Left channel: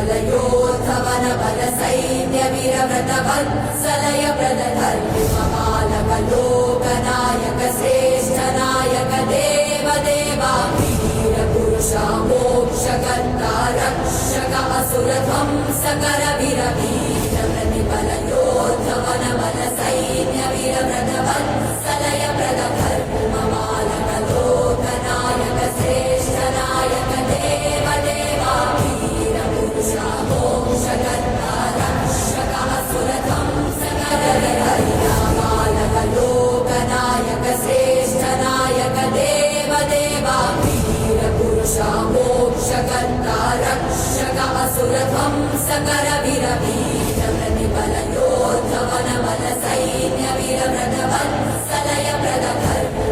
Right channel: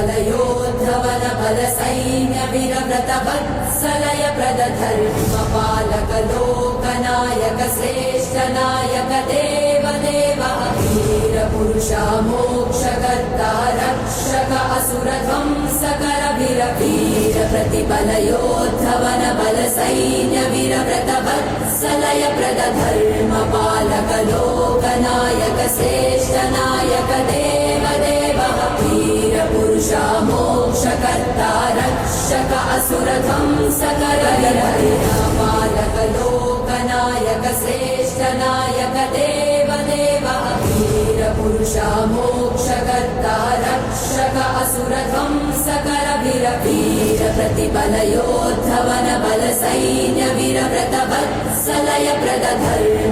प्रतिफलयोद्धवन बल सैन्य वीरव्रत वत्सलय प्रदधर्मपालक लोकनायक श्रेष्ठ नायक देव देवा वीर पुरुषा मोक्षकर्ता रक्षक असुर ध्वंसकर वीर वीर प्रतिफलयोद्धवन बल सैन्य वीरव्रत वत्सलय प्रदधर्मपालक लोकनायक श्रेष्ठ नायक देव देवा वीर पुरुषा मोक्षकर्ता रक्षक असुर ध्वंसकर पालक लोकनायक श्रेष्ठ नायक देव देवा वीर पुरुषा मोक्षकर्ता रक्षक असुर ध्वंसकर वीर वीर प्रतिफलयोद्धवन बल सैन्य वीरव्रत वत्सलय प्रदधर्म